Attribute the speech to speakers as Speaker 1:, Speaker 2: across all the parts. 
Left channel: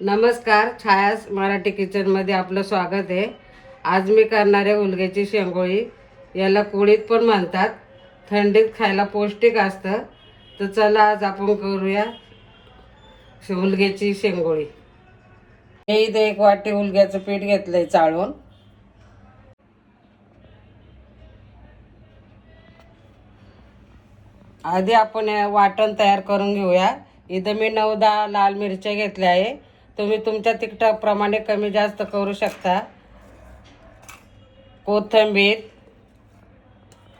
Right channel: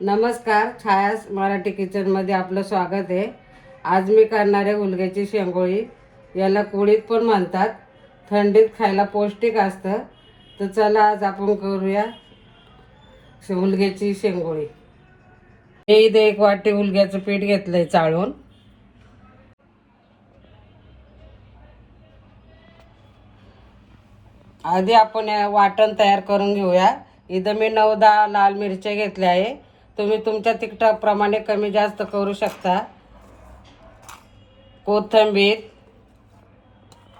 Speaker 1: नमस्कार छायास मराठी किचनमध्ये आपलं स्वागत आहे. आज मी करणार आहे उलग्याची शेंगोळी याला कुळीत पण म्हणतात. थंडीत खायला पौष्टिक असतं. तर चला आज आपण करूया उलग्याची शेंगोळी. मी इथे एक वाटी उलग्याचं पीठ घेतलं आहे चाळून. आधी आपण वाटण तयार करून घेऊया. इथं मी नऊ दहा लाल मिरच्या घेतल्या आहे. तुम्ही तुमच्या तिखटाप्रमाणे कमी जास्त करू शकता. कोथिंबीर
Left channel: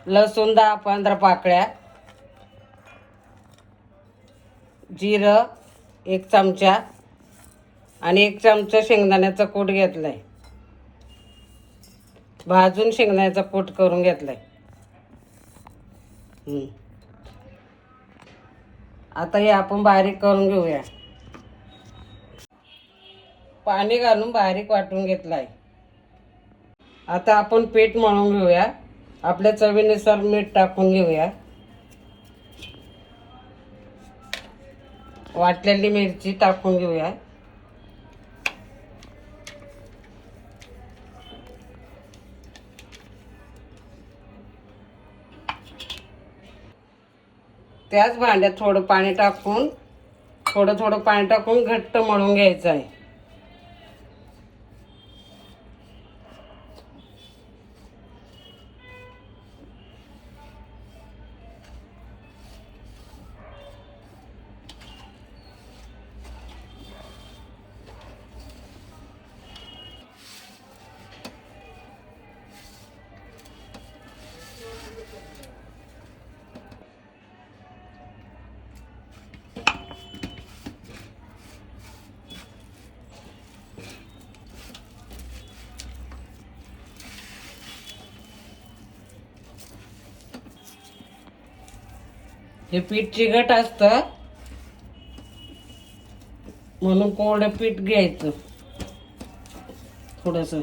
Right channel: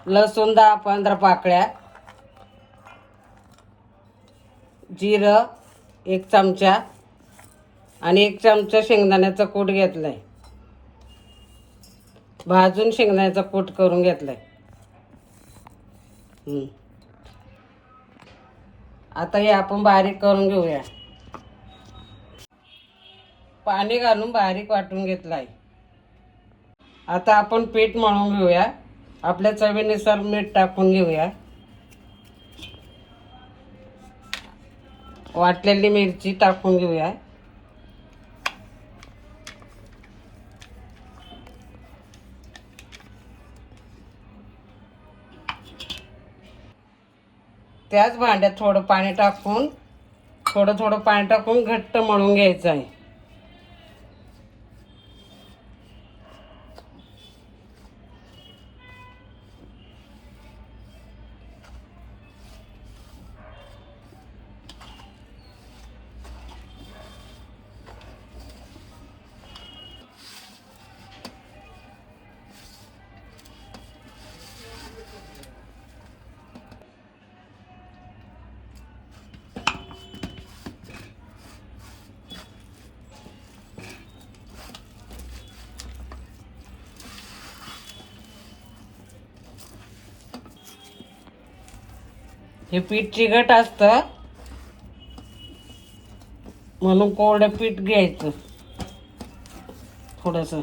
Speaker 1: लसूण दहा पंधरा पाकळ्या जिरं एक चमचा आणि एक चमचा शेंगदाण्याचा कूट घेतलाय. भाजून शेंगदाण्याचा कूट करून घेतलाय. आहे आता हे आपण बारीक करून घेऊया. पाणी घालून बारीक वाटून घेतला आहे आता आपण पीठ मळून घेऊया. आपल्या चवीनुसार मीठ टाकून घेऊया. वाटलेली मिरची टाकून घेऊया. त्याच भांड्यात थोडं पाणी टाकून थोडं थोडं पाणी टाकून घट्ट मळून घ्यायचं आहे. हे पीठ चिकट असतं. म्हणून कोरडं पीठ घ्यायचं. थोडस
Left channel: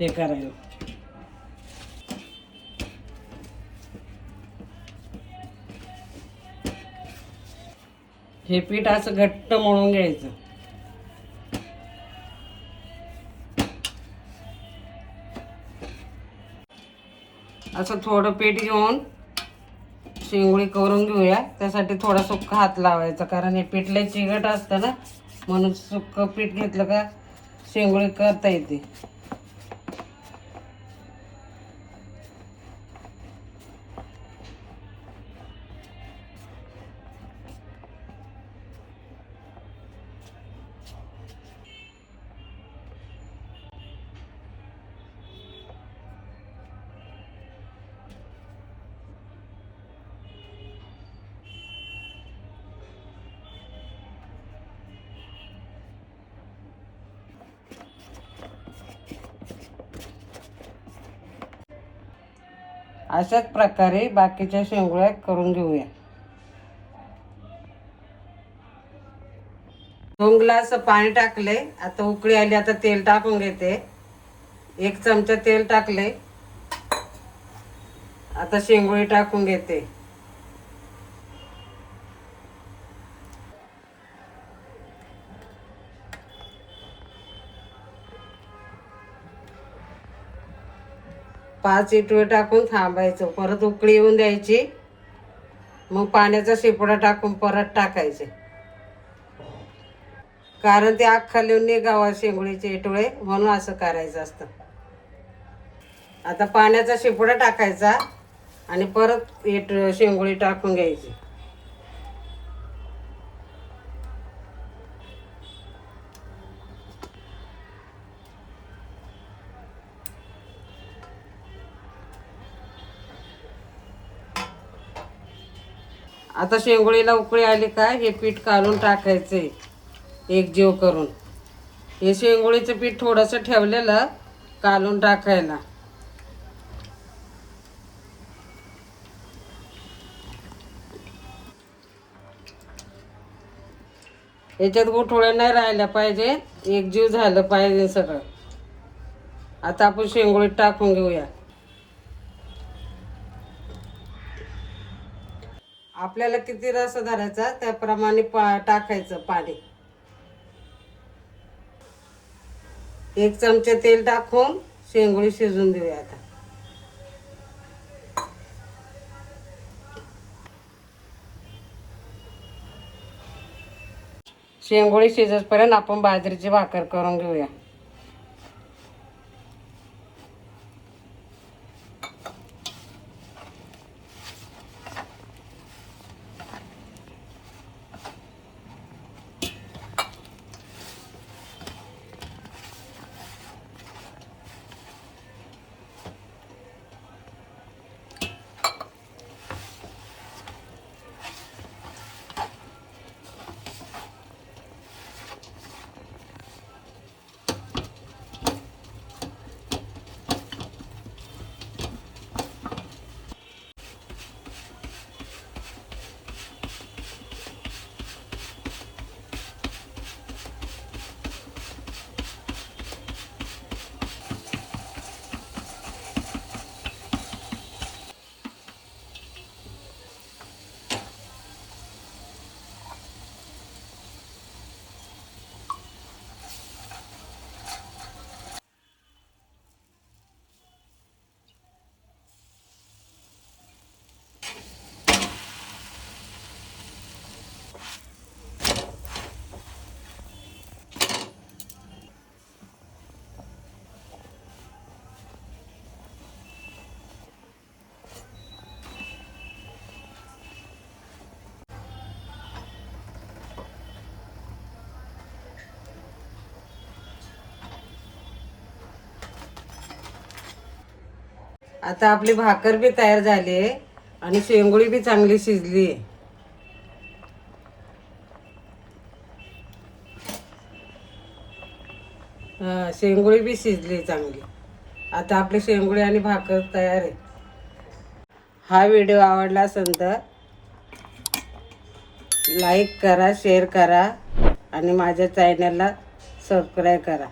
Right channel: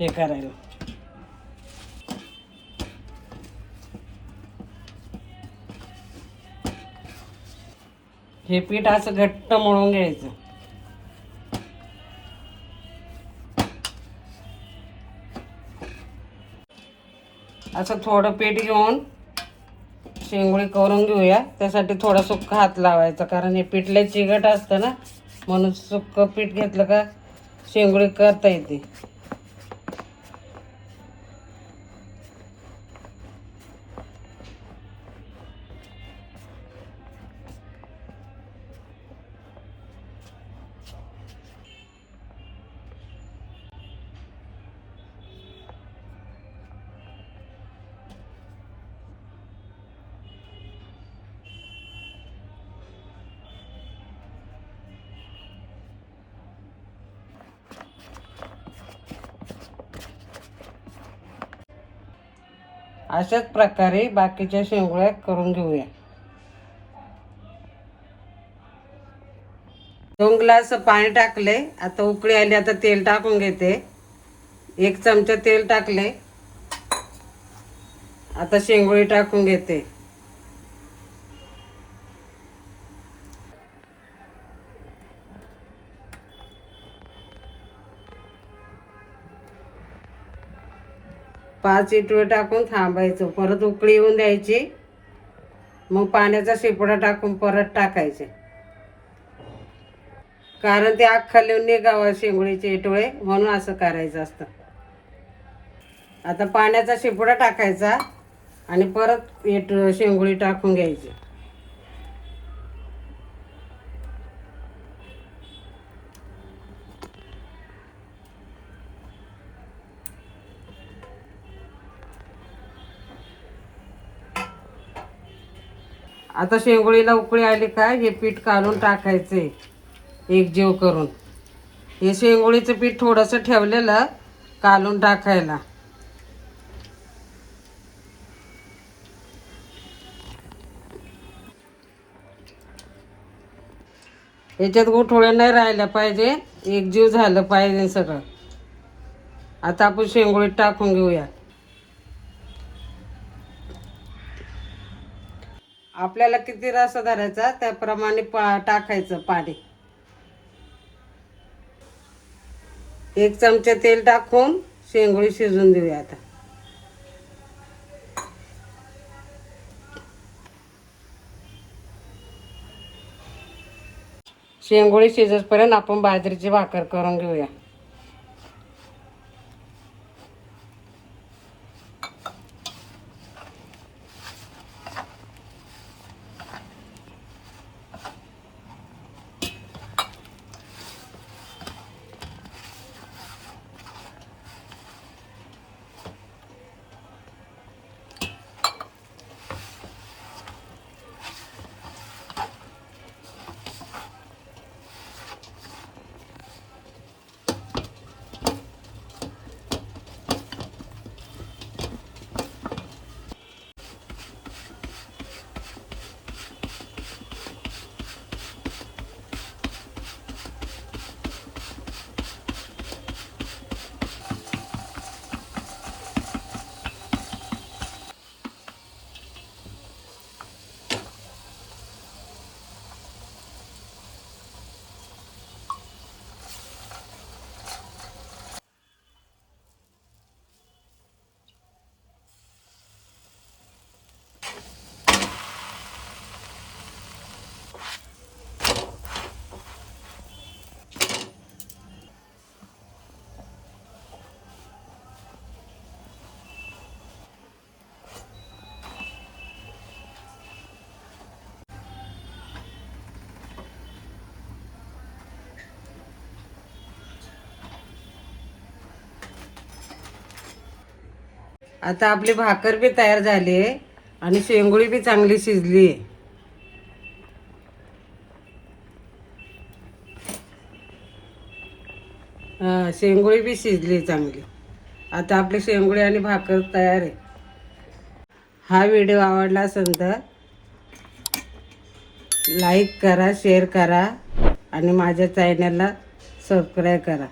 Speaker 1: हे करायला. हे पीठ असं घट्ट म्हणून घ्यायचं. असं थोडं पीठ घेऊन शेंगोळी करून घेऊया. त्यासाठी थोडा सुक्क हात लावायचा कारण हे पिठले चिकट असतं ना म्हणून सुक्क पीठ घेतलं का शेंगोळी करता येते. अशाच प्रकारे बाकीच्या शेंगोळ्या करून घेऊया. दोन ग्लास पाणी टाकले आता उकळी आली आता तेल टाकून घेते. एक चमचा तेल टाकले आता शेंगोळी टाकून घेते. पाच इटवे टाकून थांबायचं. परत उकळी येऊन द्यायची. मग पाण्याचा शिपडा टाकून परत टाकायचं. कारण ते अख्खा लिहून निघावा शेंगुळीचे इटळे म्हणून असं करायचं असतं. आता पाण्याचा शिपडा टाकायचा आणि परत इट शेंगुळी टाकून घ्यायची. आता शेंगोळीला उकळी आली काय? हे पीठ काढून टाकायचे एक जीव करून. हे शेंगोळीचं पीठ थोडंसं ठेवलेलं काढून टाकायला. याच्यात गोठोळे नाही राहिल्या पाहिजे. एक जीव झालं पाहिजे सगळं. आता आपण शेंगोळीत टाकून घेऊया. आपल्याला किती रस धरायचा त्याप्रमाणे पा टाकायचं पाणी. एक चमचा तेल टाकून शेंगोळी शिजून देऊया आता. शेंगोळी शिजतपर्यंत आपण बाजरीची भाकर करून घेऊया. आता आपली भाकर बी तयार झाली आहे आणि शेंगोळी बी चांगली शिजली. आहे हा, शेंगोळी बी शिजली चांगली. आता आपली शेंगोळी आणि भाकर तयार आहे हा व्हिडिओ आवडला असेल तर लाईक करा शेअर करा आणि माझ्या चॅनलला सबस्क्राईब करा.